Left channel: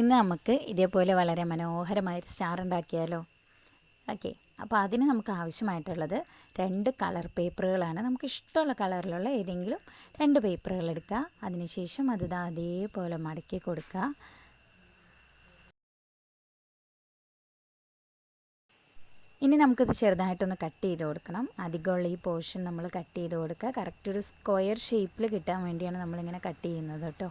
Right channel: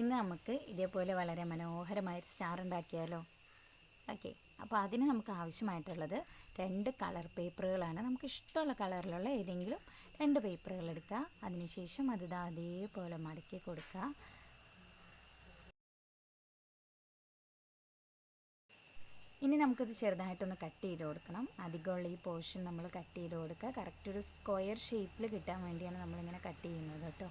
ഇന്ന് നമുക്ക് ഇതേപോലെ വളരെ മനോഹരമായൊരു സ്റ്റാർ ഉണ്ടാക്കിയാലോ? ഓക്കെ. അപ്പോൾ അതിന് നമുക്ക് ആവശ്യമായിട്ടുള്ളത് രണ്ട് കളർ പേപ്പറുകളാണ്. നമുക്ക് ഇഷ്ടമുള്ള കളറിലുള്ള ഏതെങ്കിലും രണ്ട് പേപ്പറുകൾ എടുക്കുക. അതിനുശേഷം അത് അതേപോലെ മടക്കി കൊടുക്കുക. ഇനി നമുക്കിത് ചെറുതായിട്ടൊന്ന് കട്ട് ചെയ്ത് കൊടുക്കണം. അധികമുള്ള ഈ പോർഷൻ നമ്മൾ കട്ട് ചെയ്ത് കൊടുക്കുക. കറക്റ്റ് ഒരു സ്ക്വയർ ഷേപ്പിൽ കിട്ടാൻ വേണ്ടിയാണ് നമ്മളിങ്ങനെ കട്ട് ചെയ്യുന്നത് കേട്ടോ.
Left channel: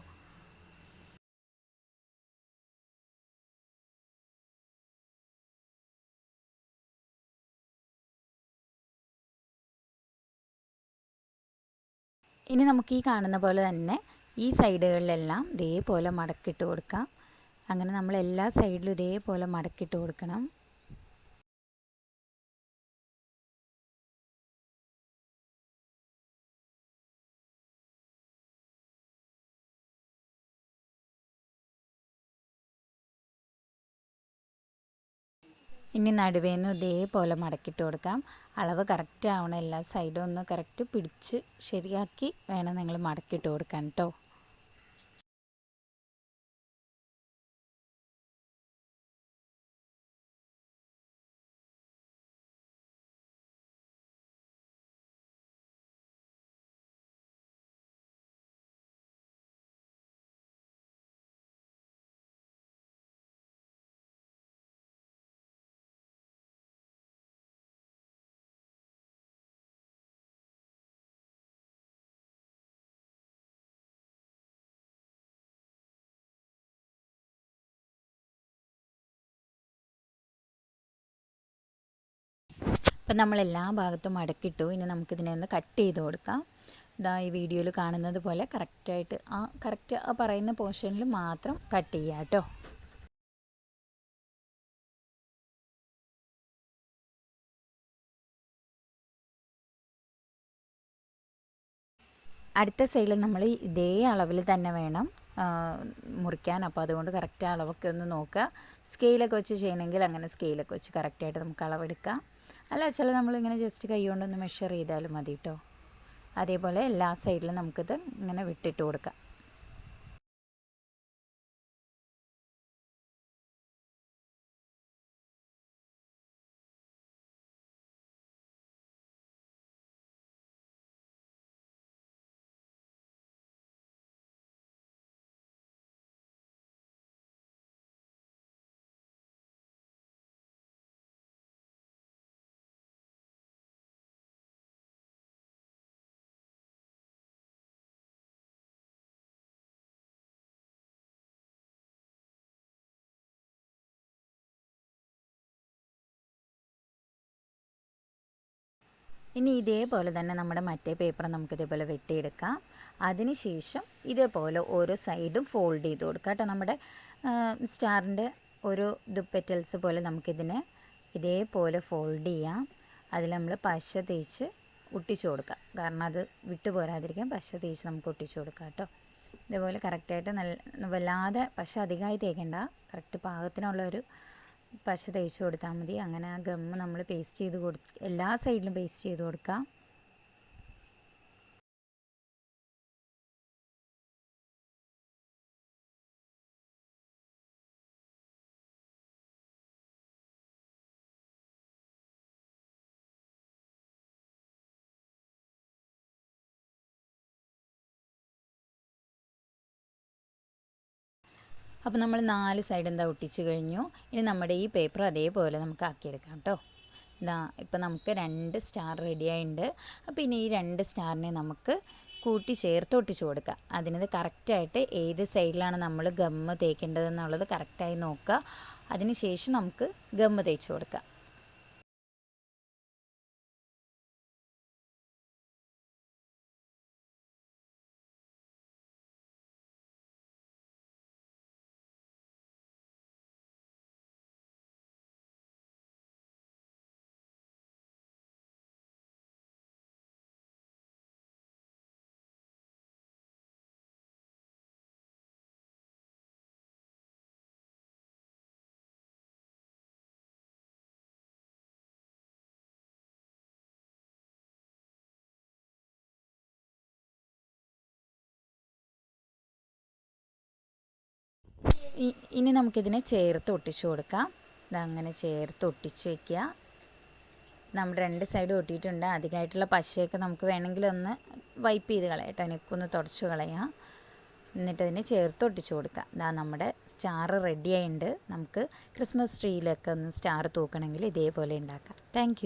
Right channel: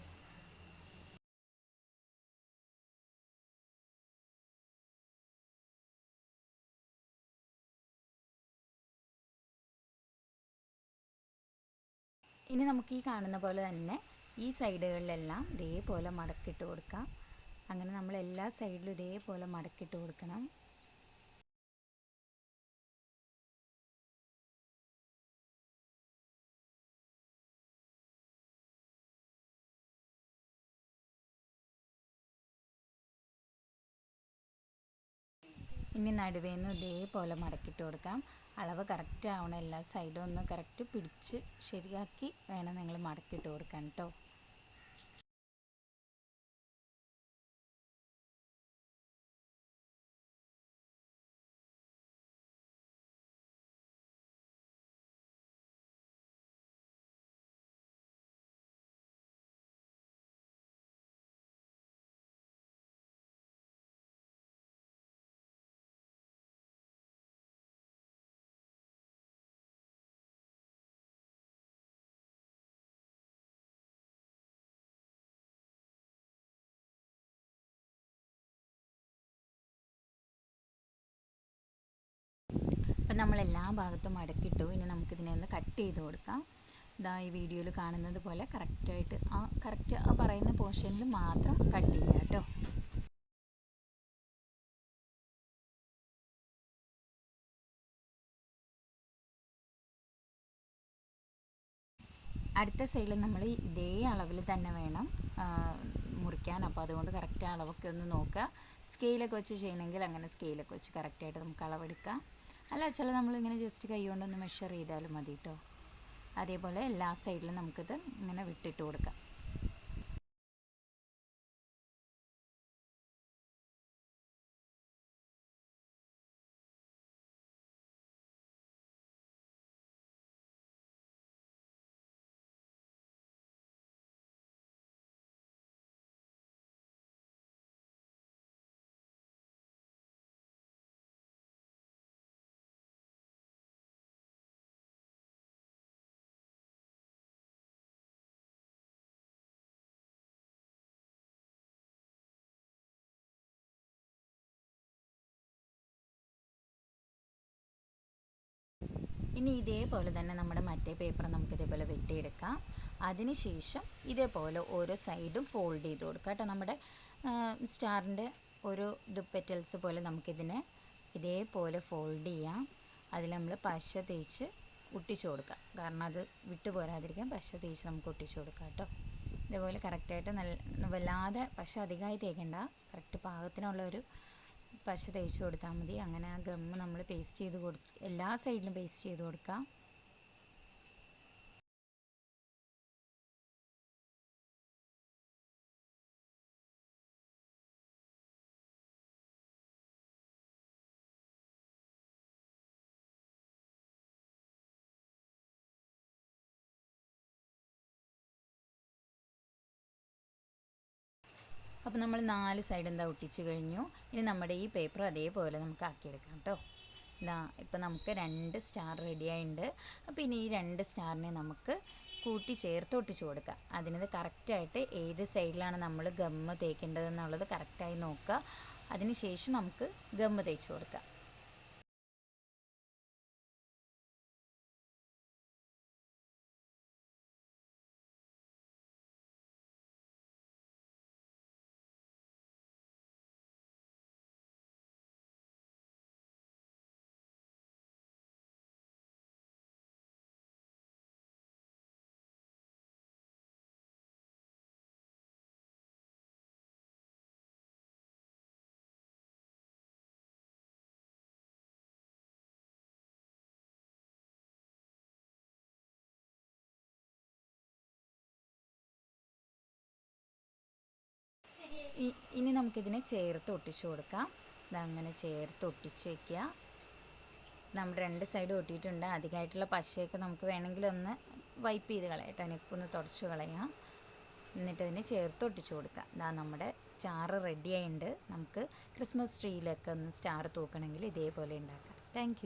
ഇനി നമുക്ക് ഈ കാണുന്ന പോലെ തന്നെ ഈ സൈഡുകളിലെല്ലാം ഇതേപോലെ മടക്കിട്ട് കൊടുക്കാം. അങ്ങനെ നമ്മൾ എല്ലാ സൈഡിലും ഇതേപോലെ മടക്കിട്ട് കൊടുക്കണം. ഇനി നടുവേന്ന് ഇതേപോലെ മടക്കിട്ട് കൊടുക്കാം. അളവ് കറക്റ്റ് ആവണം എല്ലാ സൈഡും ഒന്ന് കറക്റ്റ് പിടിച്ച് ശരിയാക്കി വേണം നിങ്ങൾ മടക്കിയിട്ട് കൊടുക്കാൻ കേട്ടോ അപ്പം നമ്മൾ എല്ലാ ഭാഗത്തും മടക്കിട്ടു ഇനി നമുക്കിതിനെ ഒന്ന് കട്ട് ചെയ്ത് കൊടുക്കാം. ഇതാ ഈ വീഡിയോയിൽ കാണുന്നത് പോലെ കറക്റ്റായിട്ട് ആ കറക്റ്റ് ആ പറയുന്ന പോർഷനിൽ മാത്രം കട്ട് ചെയ്യുക കേട്ടോ. അടുത്ത സൈഡിൽ നമ്മൾ ഇതേ അളവിൽ തന്നെ വേണം മുറിക്കാൻ. അപ്പോൾ അതുകൊണ്ട് കറക്റ്റ് അളവൊക്കെ ഒന്ന് നോക്കുക. സ്കെയിലൊക്കെ വെച്ച് ചെയ്യണമെങ്കിൽ അങ്ങനെ സ്കെയിലൊക്കെ വെച്ച് കറക്റ്റായിട്ട് നമുക്ക് അളവെടുക്കാം. അല്ല ചില നമ്മളിങ്ങനെ ജസ്റ്റ് കൈ കൊണ്ടൊന്ന് മെഷർ ചെയ്താലും മതി കേട്ടോ അതേപോലെ എല്ലാ സൈഡിലും നമുക്കിത് ഇങ്ങനെ വിട്ടിട്ട് കൊടുക്കാം. ഇനി ഇതേപോലെ തന്നെ നമ്മുടെ മറ്റേ പേപ്പർ നമുക്ക് ഇതേപോലെ വെട്ടിയെടുക്കാം. അതിനുശേഷം ഇതേപോലെ ഓരോ സൈഡും ഫോൾഡ് ചെയ്ത് കൊടുക്കാം കേട്ടോ. നമ്മുടെ സ്റ്റാറിന്റെ ഒരു ഇത് പെറ്റൽസ് പോലെ നമുക്കിതിനെ ഇതേപോലെ ഫോൾഡ് ചെയ്യാം. അതിൽ നമ്മൾ പശ തേച്ച് ഒട്ടിച്ചു കൊടുക്കാം. കാരണം അത് വിട്ടു പോരാതിരിക്കാൻ പശ തേച്ച് നമുക്ക് ഒട്ടിച്ചു കൊടുക്കാം കേട്ടോ. ഇതേപോലെ കറക്റ്റായിട്ട് നല്ല വല്ലാതെ പശ അധികമായി തേക്കേണ്ട. കറക്റ്റ് പാകത്തിനുള്ള ഒരു പശ തേച്ച് കൊടുത്താൽ മതി. അങ്ങനെ ആ ഗമ്മ് നമ്മൾ പേസ്റ്റ് ചെയ്ത് കൊടു എല്ലാ സൈഡിലും പേസ്റ്റ് ചെയ്ത് കൊടുക്കാം. അപ്പോൾ നമ്മൾ നാല് സൈഡ് എന്താ ഒട്ടിച്ച് കഴിഞ്ഞു? ഇനി നമ്മുടെ ഈ പേപ്പർ അതേപോലെ നമുക്ക് ആക്കിയെടുക്കാം കേട്ടോ. ഇതാ ഇപ്പോൾ നമുക്ക് രണ്ട് സ്റ്റാർ റെഡി ആയിട്ടുണ്ട് അപ്പോൾ ഇനി ഈ രണ്ട് സ്റ്റാറിനെ നമുക്ക് കൂട്ടി ചേർത്ത് ഒട്ടിച്ച് കൊടുക്കുക അതിനത് കറക്റ്റായിട്ട് ഏത് സൈഡിലാണ് നമ്മൾ ഗമ്മ് തേക്കേണ്ടതെന്നുള്ളത് കറക്റ്റായി നോക്കുക. അതിന് ശേഷം നമുക്ക് ഗമ്മ് തേച്ച് കൊടുക്കുക ഇനി നമുക്കിതിനെ ചേർത്ത് ഒട്ടിച്ചു കൊടുക്കാം. ഇതങ്ങനെ ചേർത്ത് ഒട്ടിച്ച് വയ്ക്കുക നമ്മൾ രണ്ട് സൈഡ് ഒട്ടിയിട്ടുണ്ട്. അധികമായിട്ടുള്ള പശയൊക്കെ നമുക്ക് വേണമെങ്കിൽ ഒന്ന് വൈപ്പ് ചെയ്ത് കളയാം കേട്ടോ. തുടച്ചു തുടച്ച് കളയാം. എന്നിട്ട് അതിനെ ചേർത്ത് ഒട്ടിച്ചു കൊടുക്കുക ഇതാ നമ്മുടെ സ്റ്റാർ റെഡിയായിട്ടുണ്ട്. നമുക്ക് ക്രിസ്മസ് ട്രീയിലൊക്കെ ഒന്ന് സ്റ്റാർ തൂക്കണമെങ്കിൽ ഇതേപോലെ ഉണ്ടാക്കാം. താങ്ക്